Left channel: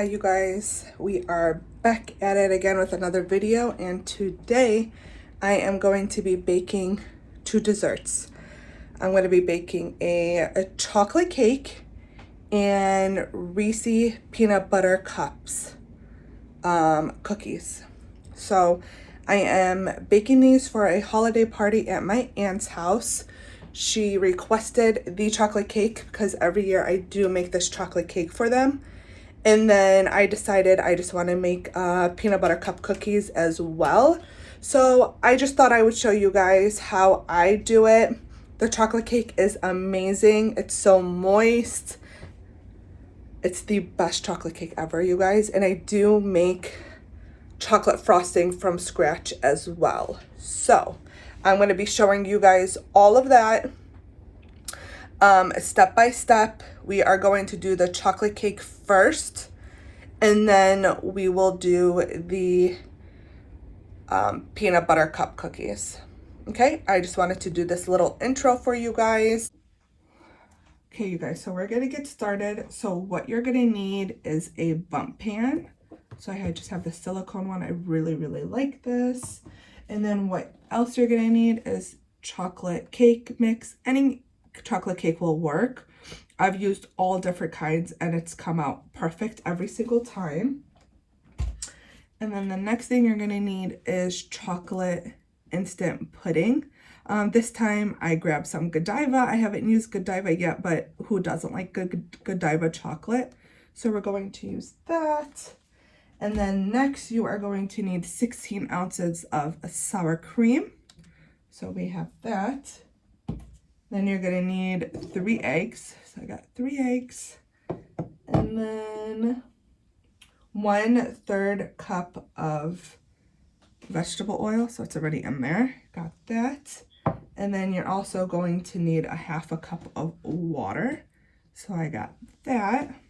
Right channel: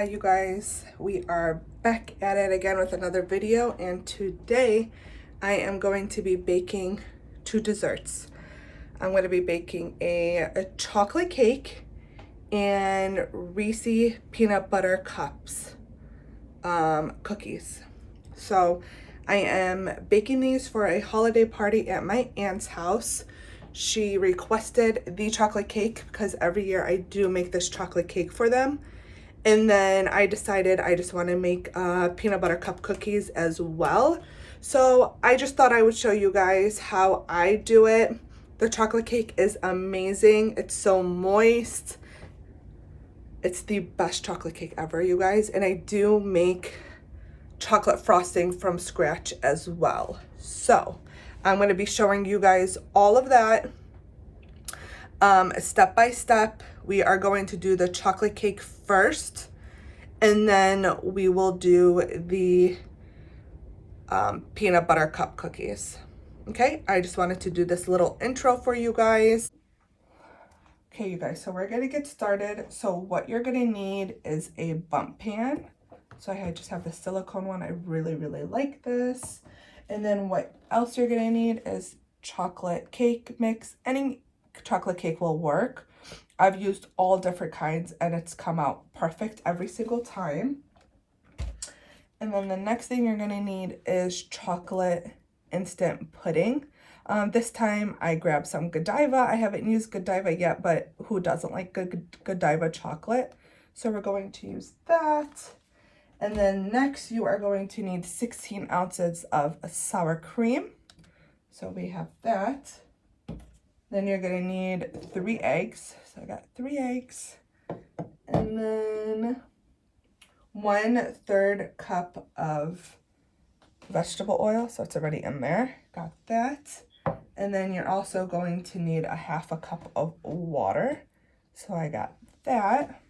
Hi you guys, we are back at it again with another video, and today I am going to be baking two desserts. I'm going to be baking a chocolate cake and Reese peanut butter cups cookies. So I am baking these for a holiday party at my aunt's house. She requested the chocolate cake because every year I do make this chocolate cake for them. And then I decided I just want to make peanut butter cup cookies as well. So I just thought I would show you guys how I do it. The chocolate cake is amazing. It's so moist. It's the best chocolate cake ever, you guys. And I do make chocolate frosting from scratch as well. So I'm going to be showing you guys all of that step by step. We are going to do the chocolate cake first, and then we will do the peanut butter cup cookies. Okay, I just wanted to do this little intro for you guys. Okay, you guys, so we're gonna get started. So what you're gonna need is a Bundt pan. So I just have the silicone one. I really like this. And then what else you're gonna need is chocolate cake mix. Any chocolate cake will work. I've used all different kinds and it's come out perfect every single time. And then the next thing you're gonna need is chocolate instant pudding. This time I grabbed some Godiva. I haven't used Godiva yet, but who doesn't like Godiva chocolate? So we're going to use that. And then next you are going to need 16 ounces of sour cream. So we have that. Then you're gonna need 3 eggs. So I got 3 eggs. And then 1/3 cup of vegetable oil. So it's already in there. Got that. And then you're also going to need 1/2 cup of water. So I got that.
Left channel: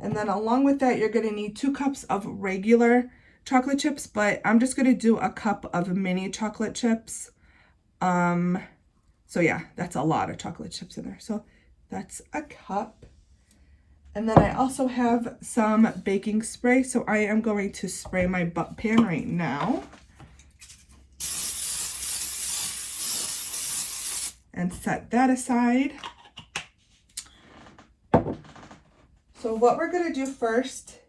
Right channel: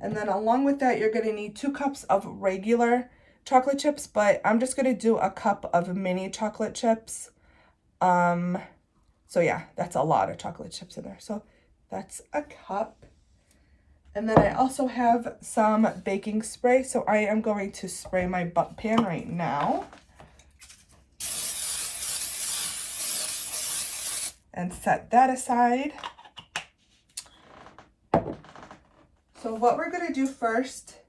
And then along with that, you're gonna need 2 cups of regular chocolate chips, but I'm just gonna do a cup of mini chocolate chips. So yeah, that's a lot of chocolate chips in there. So that's a cup. And then I also have some baking spray. So I am going to spray my Bundt pan right now. And set that aside. So what we're gonna do first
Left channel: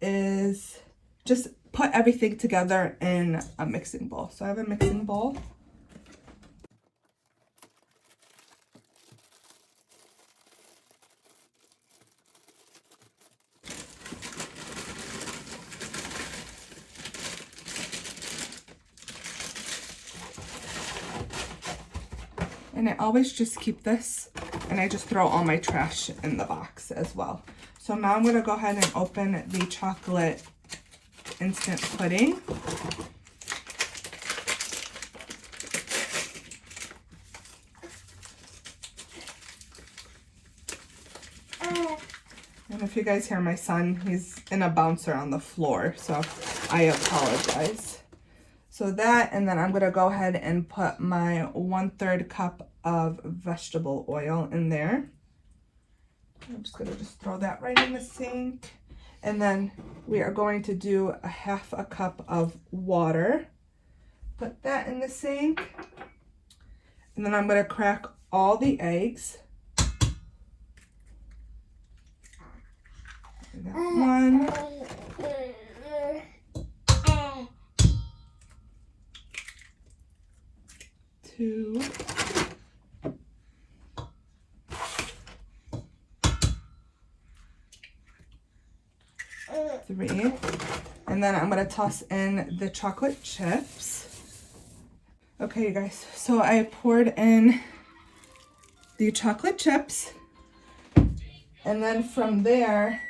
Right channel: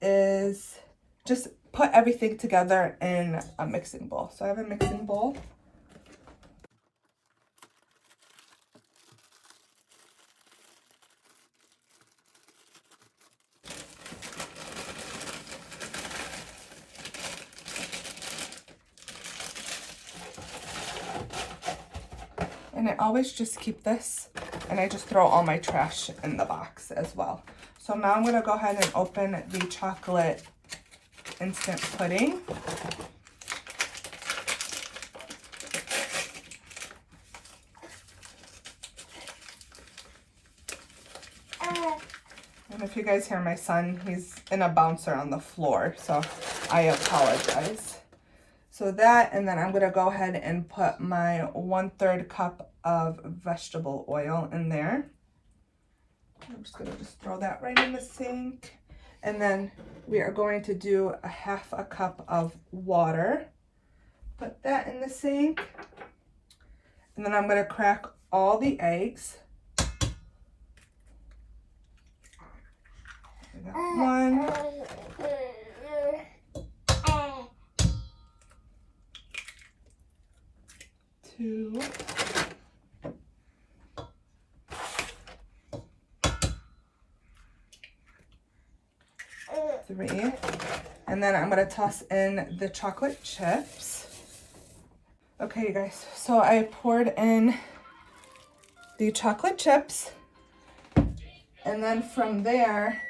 is just put everything together in a mixing bowl. So I have a mixing bowl. And I always just keep this, and I just throw all my trash in the box as well. So now I'm going to go ahead and open the chocolate instant pudding. And if you guys hear my son, he's in a bouncer on the floor, so I apologize. So that, and then I'm going to go ahead and put my 1/3 cup of vegetable oil in there. I'm just going to throw that right in the sink. And then we are going to do 1/2 cup of water. Put that in the sink. And then I'm going to crack all the eggs. I got 1. 2. 3. And then I'm going to toss in the chocolate chips. Okay, you guys, so I poured in the chocolate chips. And then from there,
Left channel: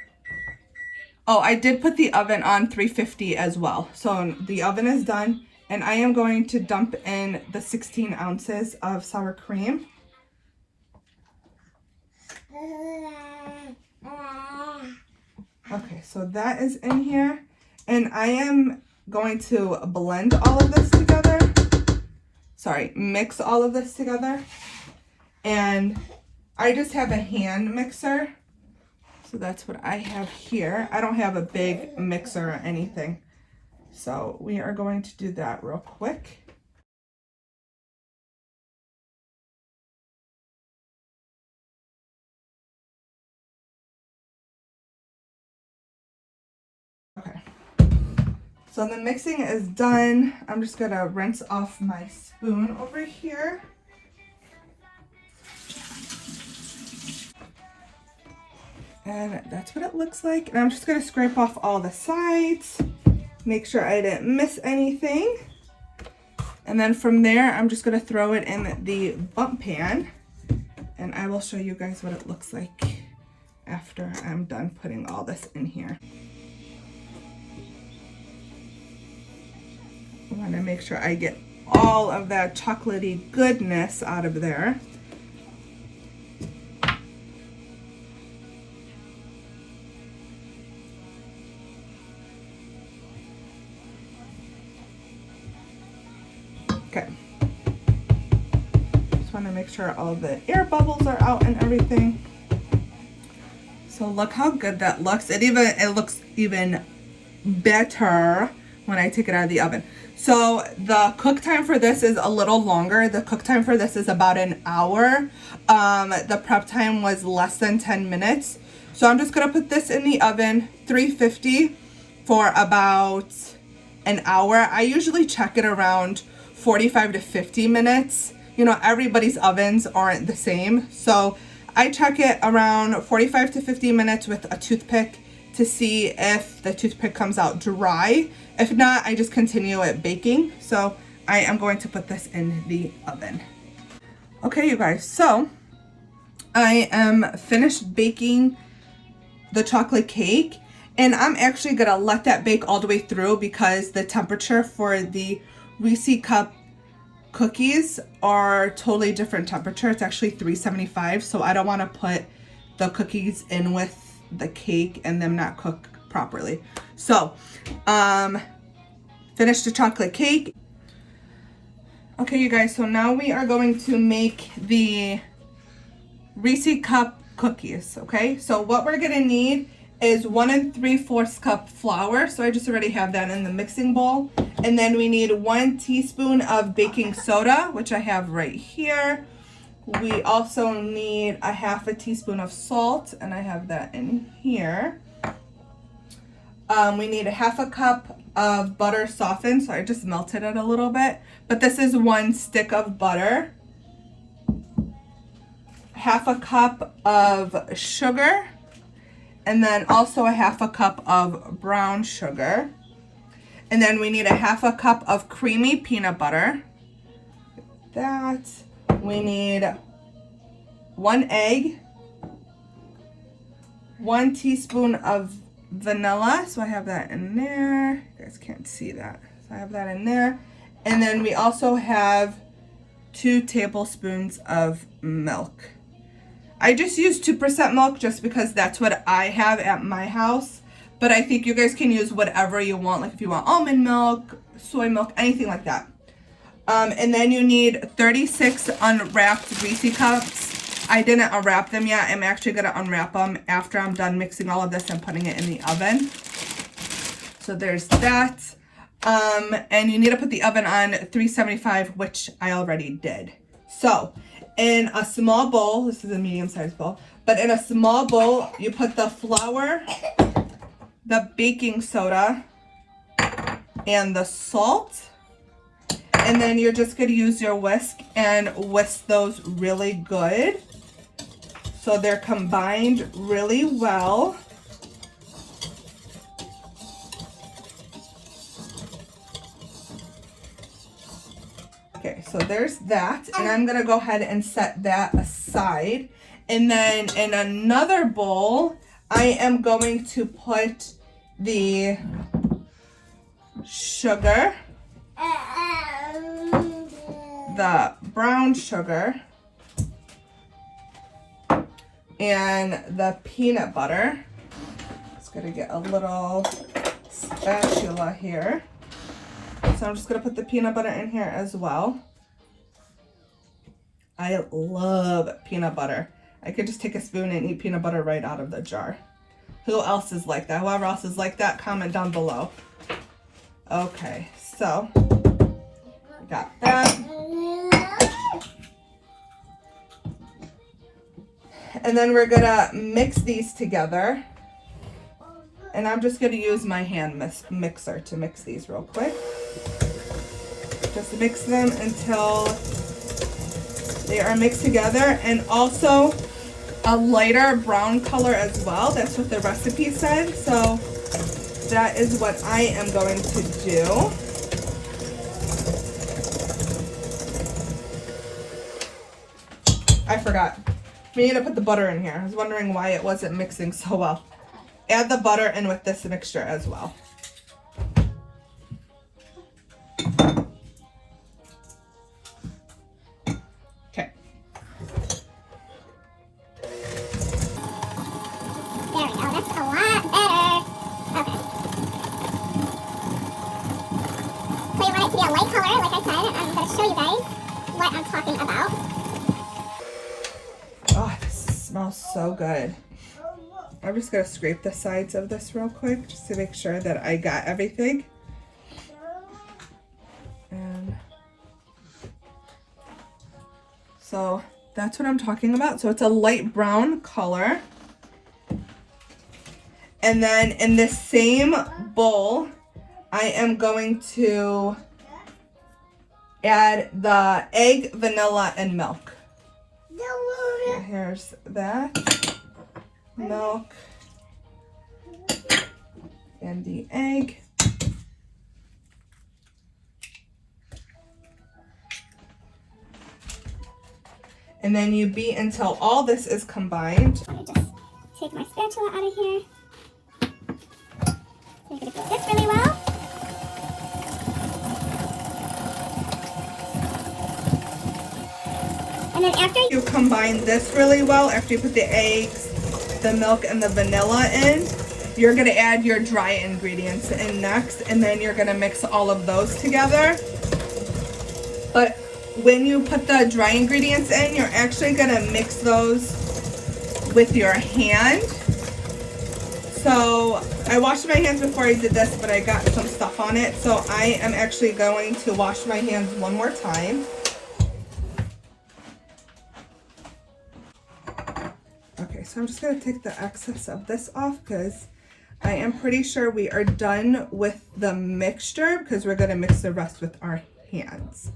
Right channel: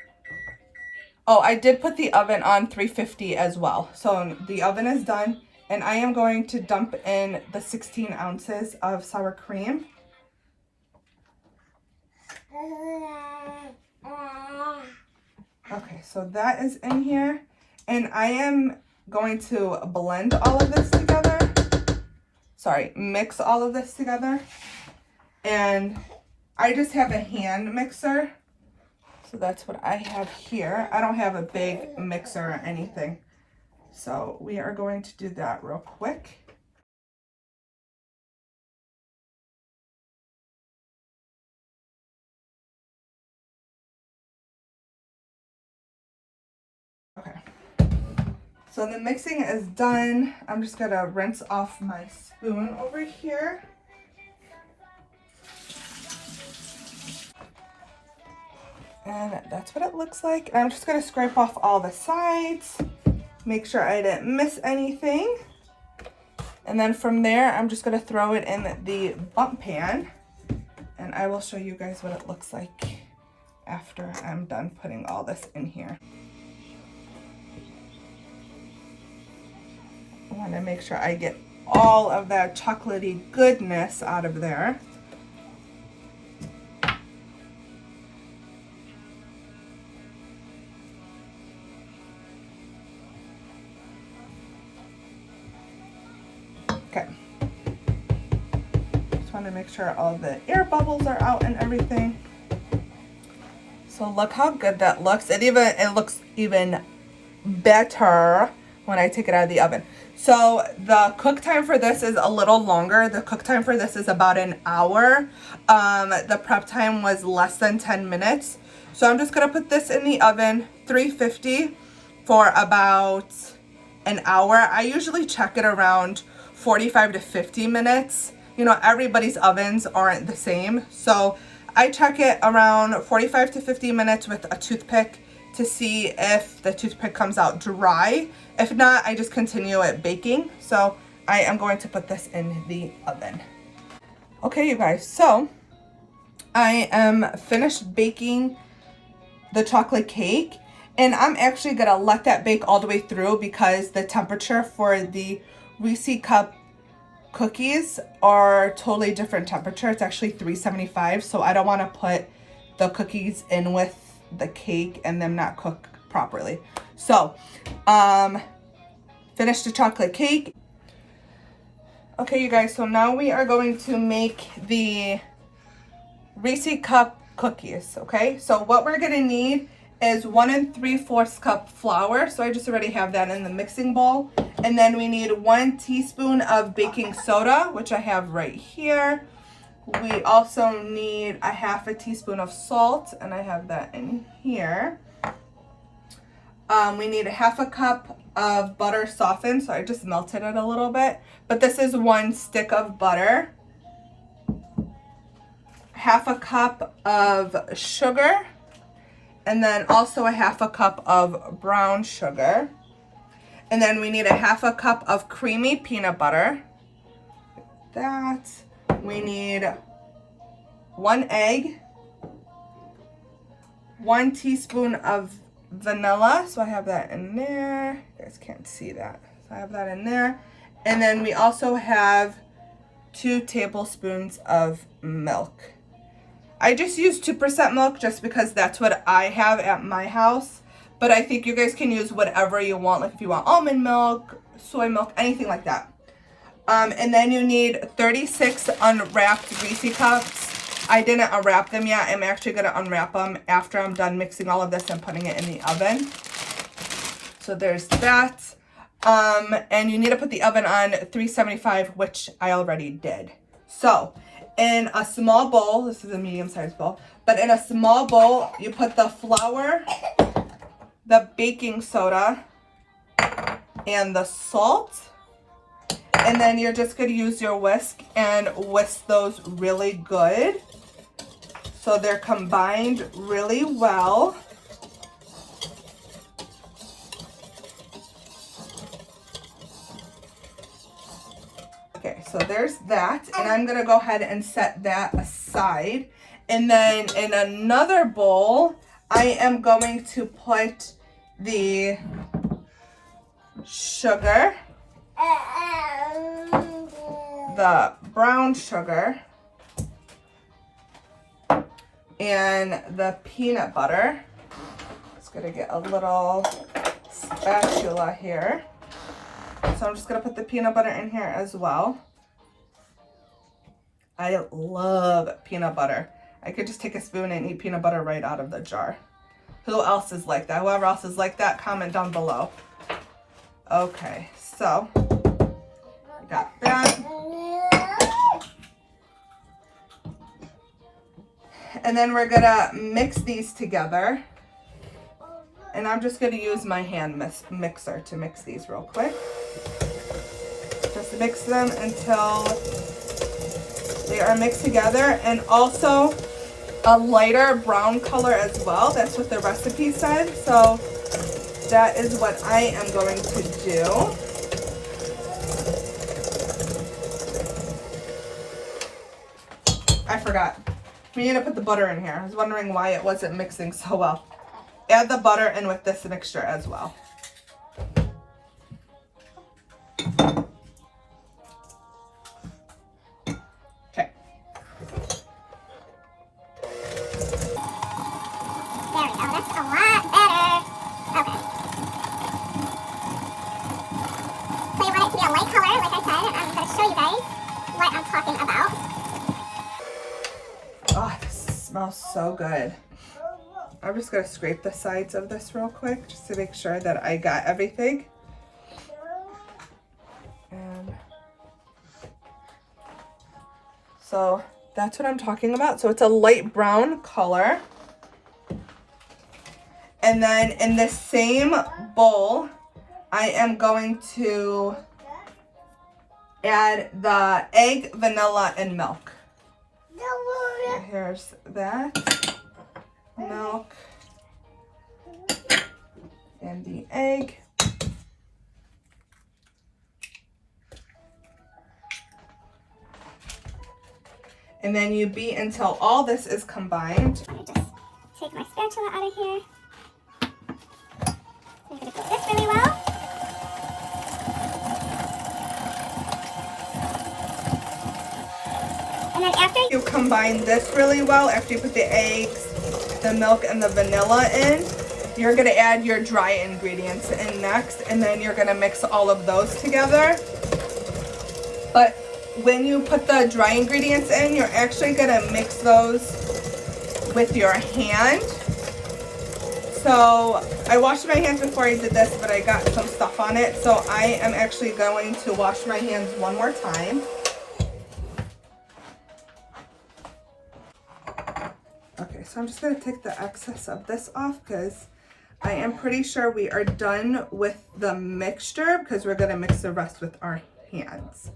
oh, I did put the oven on 350 as well. So the oven is done. And I am going to dump in the 16 ounces of sour cream. Okay, so that is in here. And I am going to blend all of this together. Sorry, mix all of this together. And I just have a hand mixer. So that's what I have here. I don't have a big mixer or anything. So we are going to do that real quick. Okay. So the mixing is done. I'm just gonna rinse off my spoon over here. And that's what it looks like. And I'm just gonna scrape off all the sides, make sure I didn't miss anything. And then from there, I'm just gonna throw it in the Bundt pan, and I will show you guys what it looks like after I'm done putting all this in here. I wanna make sure I get all of that chocolatey goodness out of there. Okay. Just want to make sure all the air bubbles are out and everything. So look how good that looks. It looks even better when I take it out of the oven. So the cook time for this is a little longer. The cook time for this is about an hour. The prep time was less than 10 minutes. So I'm just gonna put this in the oven, 350 for about an hour. I usually check it around 45 to 50 minutes. You know, everybody's ovens aren't the same. So I check it around 45 to 50 minutes with a toothpick to see if the toothpick comes out dry. If not, I just continue it baking. So I am going to put this in the oven. Okay, you guys, so I am finished baking the chocolate cake, and I'm actually gonna let that bake all the way through because the temperature for the Reese cup cookies are totally different temperature. It's actually 375, so I don't want to put the cookies in with the cake and them not cook properly. So finish the chocolate cake. Okay, you guys, so now we are going to make the Reese cup cookies. Okay, so what we're gonna need is 1 3/4 cup flour. So I just already have that in the mixing bowl. And then we need 1 teaspoon of baking soda, which I have right here. We also need a 1/2 teaspoon of salt, and I have that in here. We need a 1/2 cup of butter softened, so I just melted it a little bit. But this is 1 stick of butter. 1/2 cup of sugar, and then also a 1/2 cup of brown sugar. And then we need a 1/2 cup of creamy peanut butter. That. We need 1 egg, 1 teaspoon of vanilla. So I have that in there. You guys can't see that. So I have that in there. And then we also have 2 tablespoons of milk. I just use 2% milk just because that's what I have at my house. But I think you guys can use whatever you want. Like if you want almond milk, soy milk, anything like that. And then you need 36 unwrapped Reese cups. I didn't unwrap them yet. I'm actually going to unwrap them after I'm done mixing all of this and putting it in the oven. So there's that. And you need to put the oven on 375, which I already did. So in a small bowl, this is a medium-sized bowl, but in a small bowl, you put the flour, the baking soda, and the salt. And then you're just going to use your whisk and whisk those really good so they're combined really well. Okay, so there's that, and I'm gonna go ahead and set that aside. And then in another bowl, I am going to put the sugar, the brown sugar, and the peanut butter. Just gonna get a little spatula here. So I'm just going to put the peanut butter in here as well. I love peanut butter. I could just take a spoon and eat peanut butter right out of the jar. Who else is like that? Whoever else is like that, comment down below. Okay, so we got that. And then we're gonna mix these together. And I'm just gonna use my hand mixer to mix these real quick. Just mix them until they are mixed together. And also a lighter brown color as well. That's what the recipe said. So that is what I am going to do. I forgot. We need to put the butter in here. I was wondering why it wasn't mixing so well. Add the butter in with this mixture as well. Okay. There we go. That's a lot better. Okay. So you want it to be a light color, like I said. I'm going to show you guys what I'm talking about. Oh, this smells so good. I'm just gonna scrape the sides of this real quick just to make sure that I got everything. And so that's what I'm talking about. So it's a light brown color. And then in the same bowl, I am going to add the egg, vanilla, and milk. So here's that. Milk and the egg. And then you beat until all this is combined. Let me just take my spatula out of here. I'm going to do this really well. And then after You combine this really well, after you put the eggs, the milk, and the vanilla in, you're gonna add your dry ingredients in next, and then you're gonna mix all of those together. But when you put the dry ingredients in, you're actually gonna mix those with your hand. So I washed my hands before I did this, but I got some stuff on it. So I am actually going to wash my hands one more time. Okay, so I'm just gonna take the excess of this off because I am pretty sure we are done with the mixture because we're gonna mix the rest with our hands.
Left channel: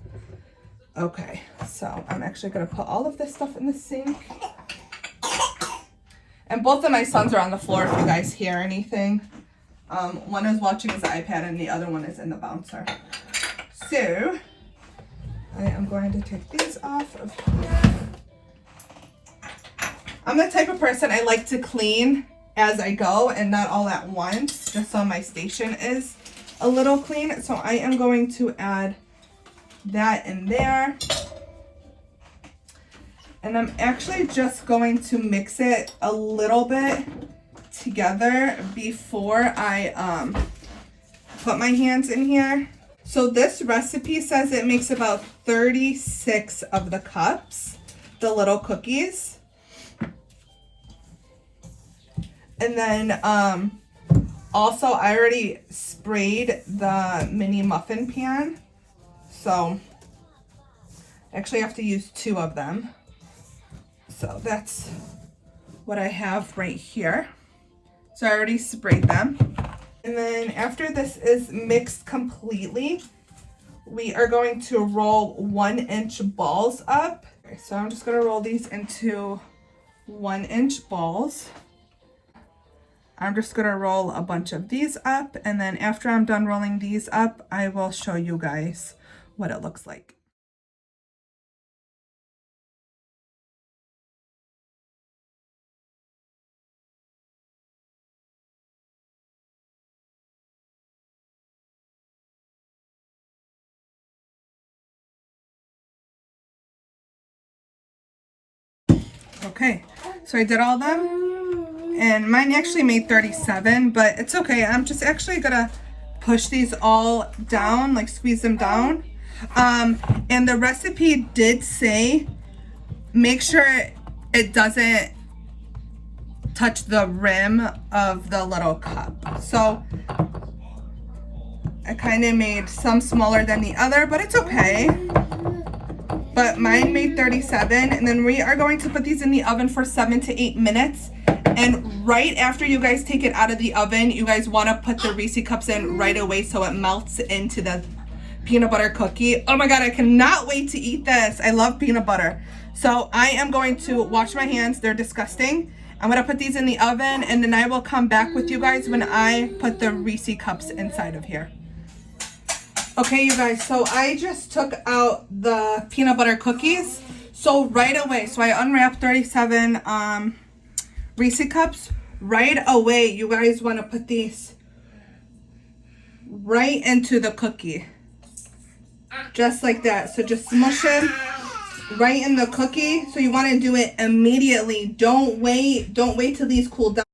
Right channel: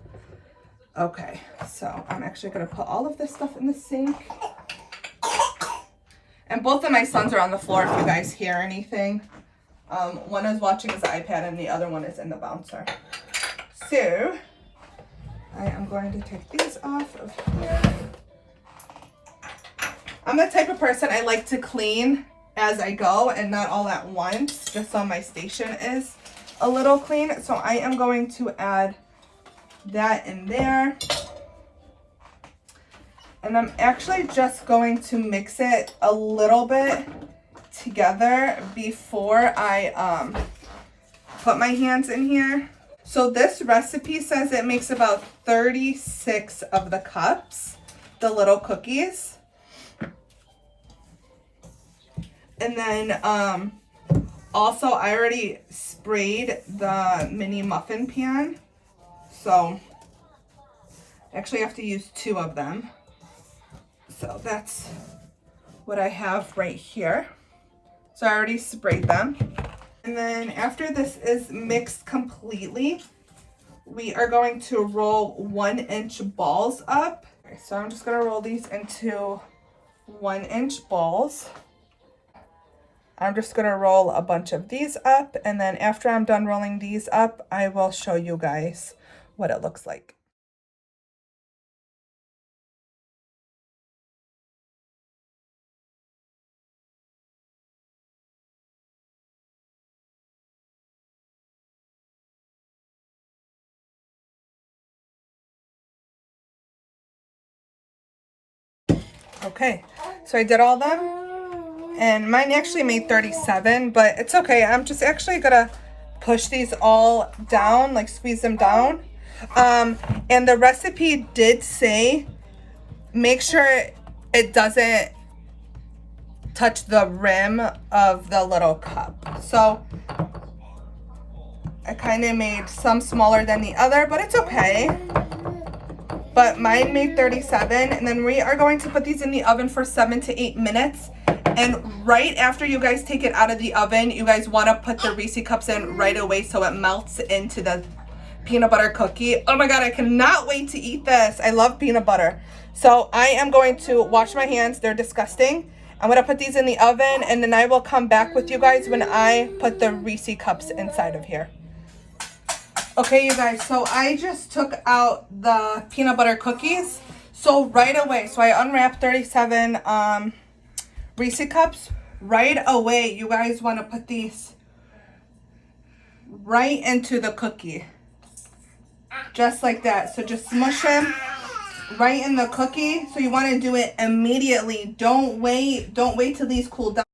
Okay, so I'm actually gonna put all of this stuff in the sink. And both of my sons are on the floor if you guys hear anything. One is watching his iPad and the other one is in the bouncer. So I am going to take these off of here. I'm the type of person I like to clean as I go and not all at once, just so my station is a little clean. So I am going to add that in there. And I'm actually just going to mix it a little bit together before I put my hands in here. So this recipe says it makes about 36 of the cups, the little cookies. And then also I already sprayed the mini muffin pan. So actually I have to use 2 of them. So that's what I have right here. So I already sprayed them. And then after this is mixed completely, we are going to roll 1-inch balls up. Okay, so I'm just gonna roll these into 1-inch balls. I'm just gonna roll a bunch of these up, and then after I'm done rolling these up, I will show you guys what it looks like. Okay, so I did all them. And mine actually made 37, but it's okay. I'm just actually gonna push these all down, like squeeze them down. And the recipe did say, make sure it doesn't touch the rim of the little cup. So I kind of made some smaller than the other, but it's okay. But mine made 37, and then we are going to put these in the oven for 7 to 8 minutes. And right after you guys take it out of the oven, you guys want to put the Reese cups in right away so it melts into the peanut butter cookie. Oh my God, I cannot wait to eat this. I love peanut butter. So I am going to wash my hands. They're disgusting. I'm going to put these in the oven, and then I will come back with you guys when I put the Reese cups inside of here. Okay, you guys, so I just took out the peanut butter cookies. So right away, so I unwrapped 37 Reese cups. Right away, you guys want to put these right into the cookie. Just like that. So just smush them right in the cookie. So you want to do it immediately. Don't wait till these cool down.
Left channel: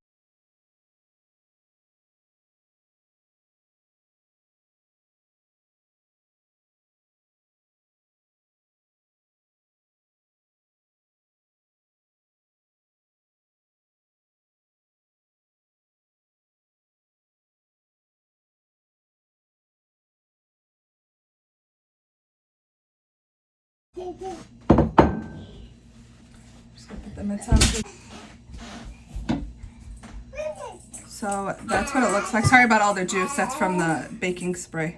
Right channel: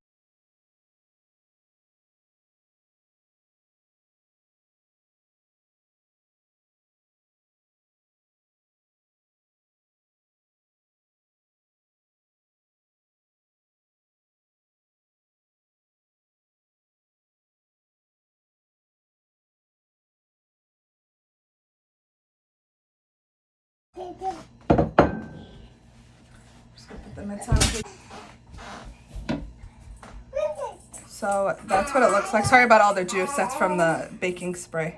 Just gonna put them inside. So that's what it looks like. Sorry about all the juice. That's from the baking spray.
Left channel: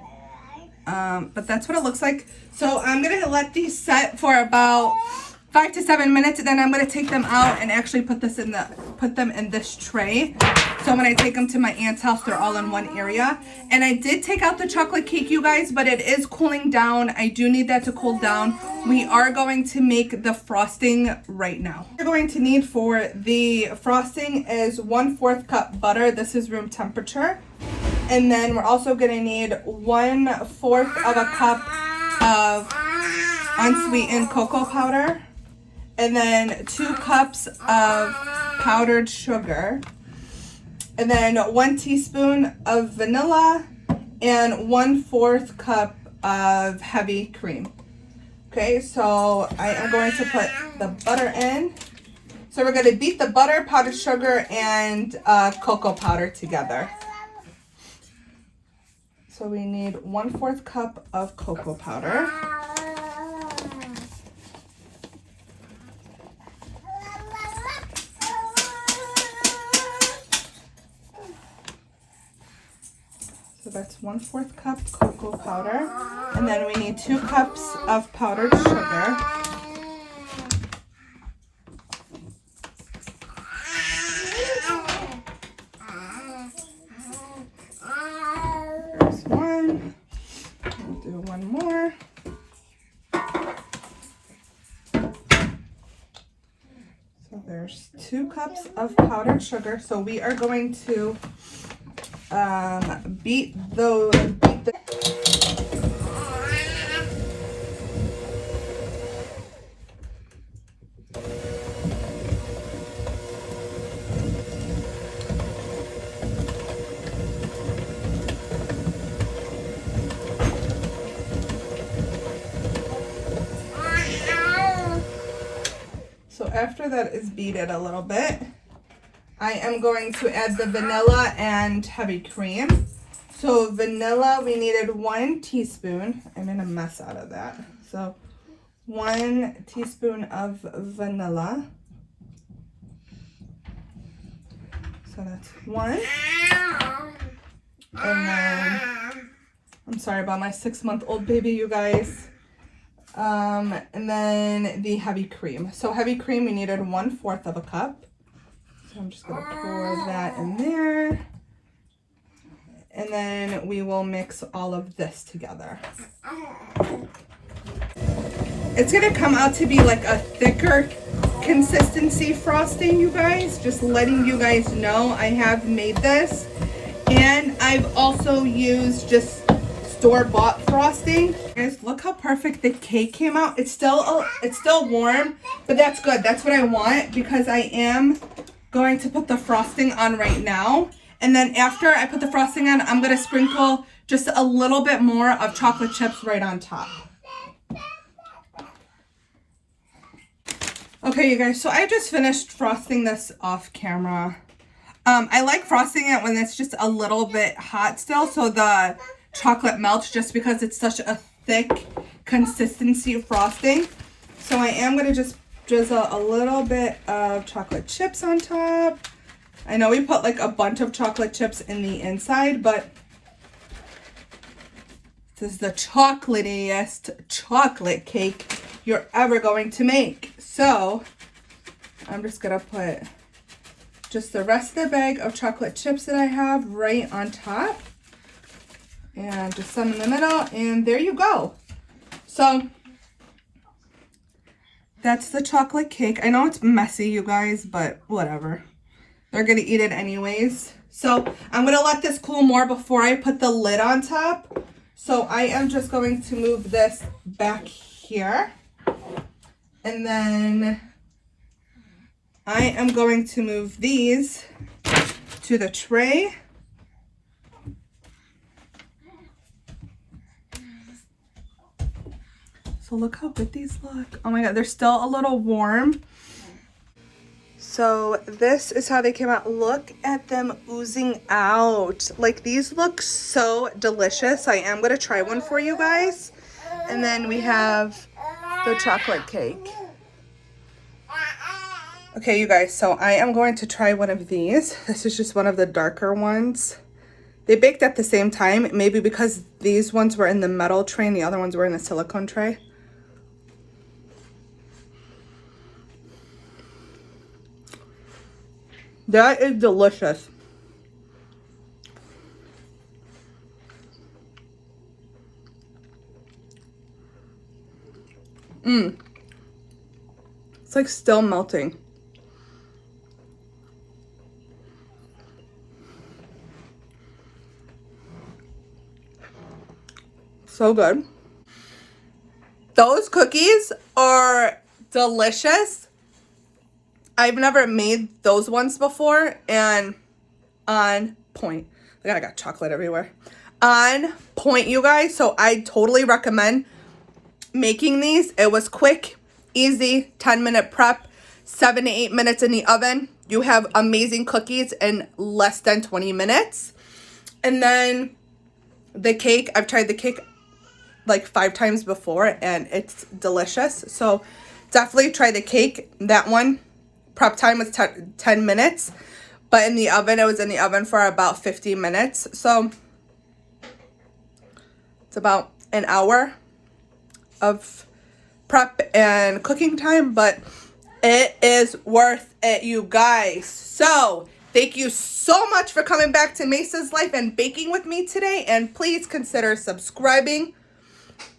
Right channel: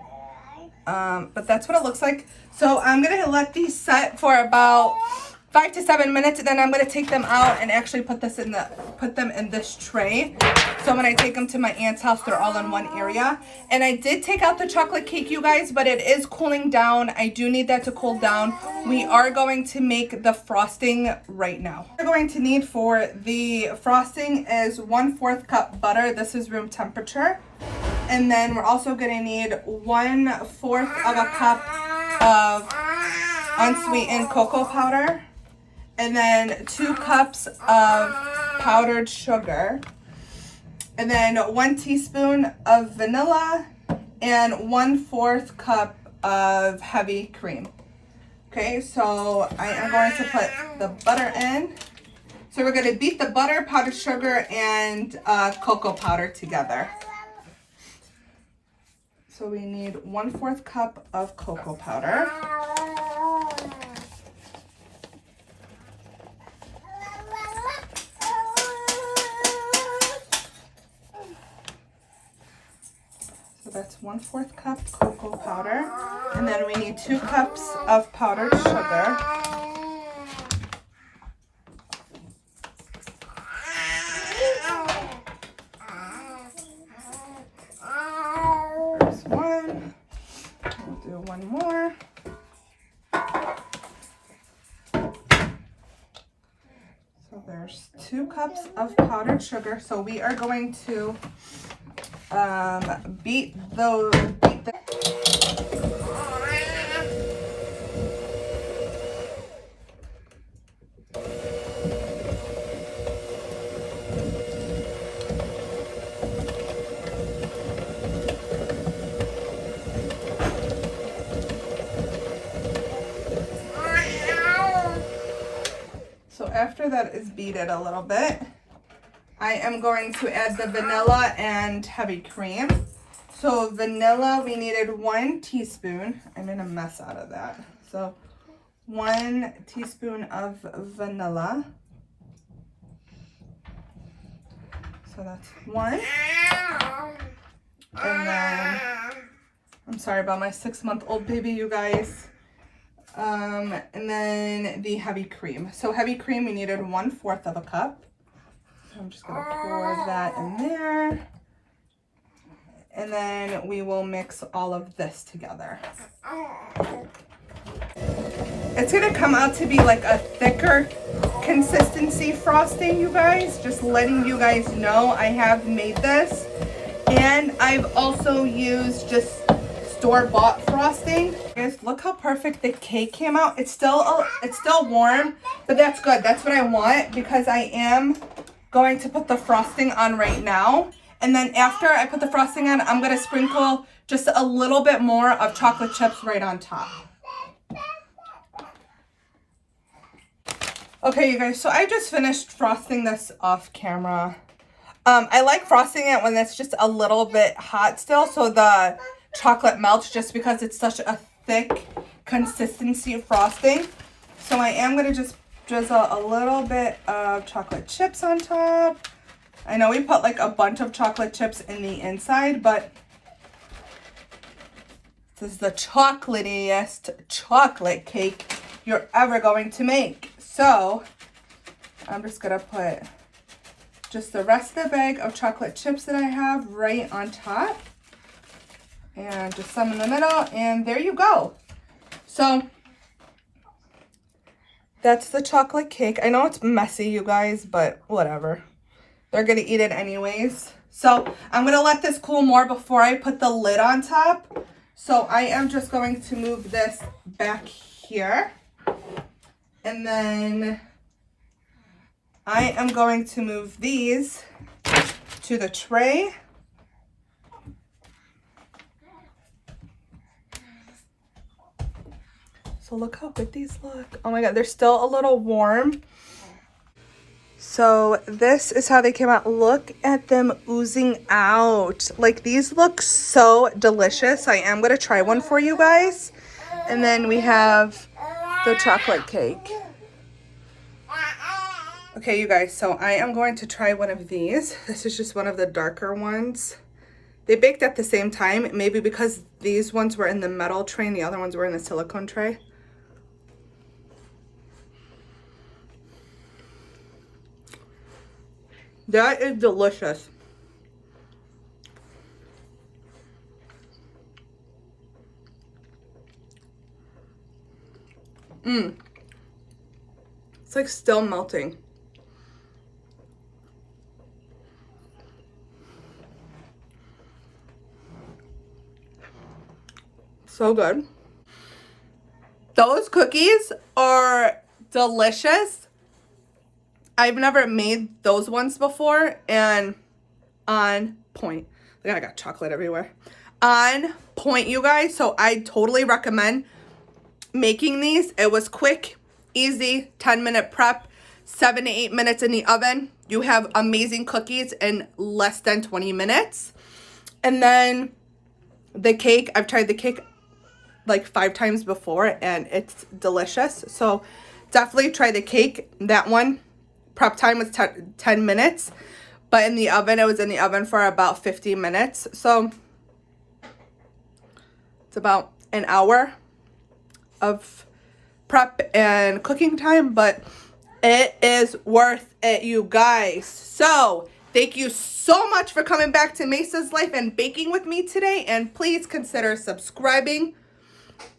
But that's what it looks like. So I'm gonna let these set for about 5 to 7 minutes, and then I'm gonna take them out and actually put them in this tray. So when I take them to my aunt's house, they're all in one area. And I did take out the chocolate cake, you guys, but it is cooling down. I do need that to cool down. We are going to make the frosting right now. What we're going to need for the frosting is 1/4 cup butter. This is room temperature. And then we're also gonna need 1/4 of a cup of unsweetened cocoa powder. And then 2 cups of powdered sugar. And then 1 teaspoon of vanilla and 1/4 cup of heavy cream. Okay, so I am going to put the butter in. So we're going to beat the butter, powdered sugar, and cocoa powder together. So we need 1/4 cup of cocoa powder. So that's 1/4 cup cocoa powder. And then we need 2 cups of powdered sugar. There's one. We'll do one more. So there's 2 cups of powdered sugar. So we are going to beat the So after that is beaten a little bit, I am going to add the vanilla and heavy cream. So vanilla, we needed 1 teaspoon. I made a mess out of that. So 1 teaspoon of vanilla. So that's 1. And then, I'm sorry about my 6-month-old baby, you guys. And then the heavy cream. So heavy cream, we needed 1/4 of a cup. So I'm just gonna pour that in there. And then we will mix all of this together. It's gonna come out to be like a thicker consistency frosting, you guys. Just letting you guys know I have made this. And I've also used just store-bought frosting. Guys, look how perfect the cake came out. It's still warm, but that's good. That's what I want because I am going to put the frosting on right now. And then after I put the frosting on, I'm going to sprinkle just a little bit more of chocolate chips right on top. Okay, you guys, so I just finished frosting this off camera. I like frosting it when it's just a little bit hot still, so the chocolate melts, just because it's such a thick consistency of frosting. So I am going to just drizzle a little bit of chocolate chips on top. I know we put like a bunch of chocolate chips in the inside, but this is the chocolatiest chocolate cake you're ever going to make. So I'm just going to put just the rest of the bag of chocolate chips that I have right on top. And just some in the middle, and there you go. So that's the chocolate cake. I know it's messy, you guys, but whatever. They're gonna eat it anyways. So I'm gonna let this cool more before I put the lid on top. So I am just going to move this back here. And then I am going to move these to the tray. So look how good these look. Oh my God, they're still a little warm. So this is how they came out. Look at them oozing out. Like, these look so delicious. I am gonna try one for you guys. And then we have the chocolate cake. Okay, you guys, so I am going to try one of these. This is just one of the darker ones. They baked at the same time, maybe because these ones were in the metal tray and the other ones were in the silicone tray. That is delicious. It's like still melting. So good. Those cookies are delicious. I've never made those ones before, and on point. Look, I got chocolate everywhere. On point, you guys. So I totally recommend making these. It was quick, easy, 10-minute prep, 7 to 8 minutes in the oven. You have amazing cookies in less than 20 minutes. And then the cake, I've tried the cake like 5 times before, and it's delicious. So definitely try the cake. That one, prep time was 10 minutes, but in the oven, it was in the oven for about 50 minutes. So it's about an hour of prep and cooking time, but it is worth it, you guys. So thank you so much for coming back to Mesa's Life and baking with me today, and please consider subscribing,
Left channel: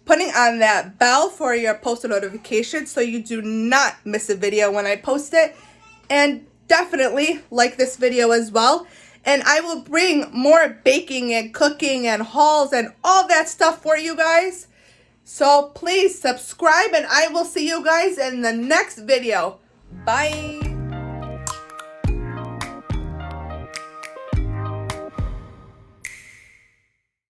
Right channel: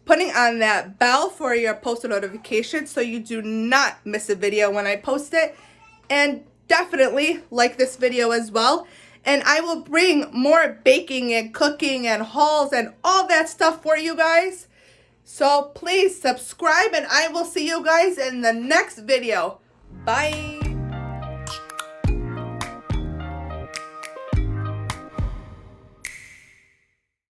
putting on that bell for your post notifications so you do not miss a video when I post it, and definitely like this video as well. And I will bring more baking and cooking and hauls and all that stuff for you guys. So please subscribe, and I will see you guys in the next video. Bye.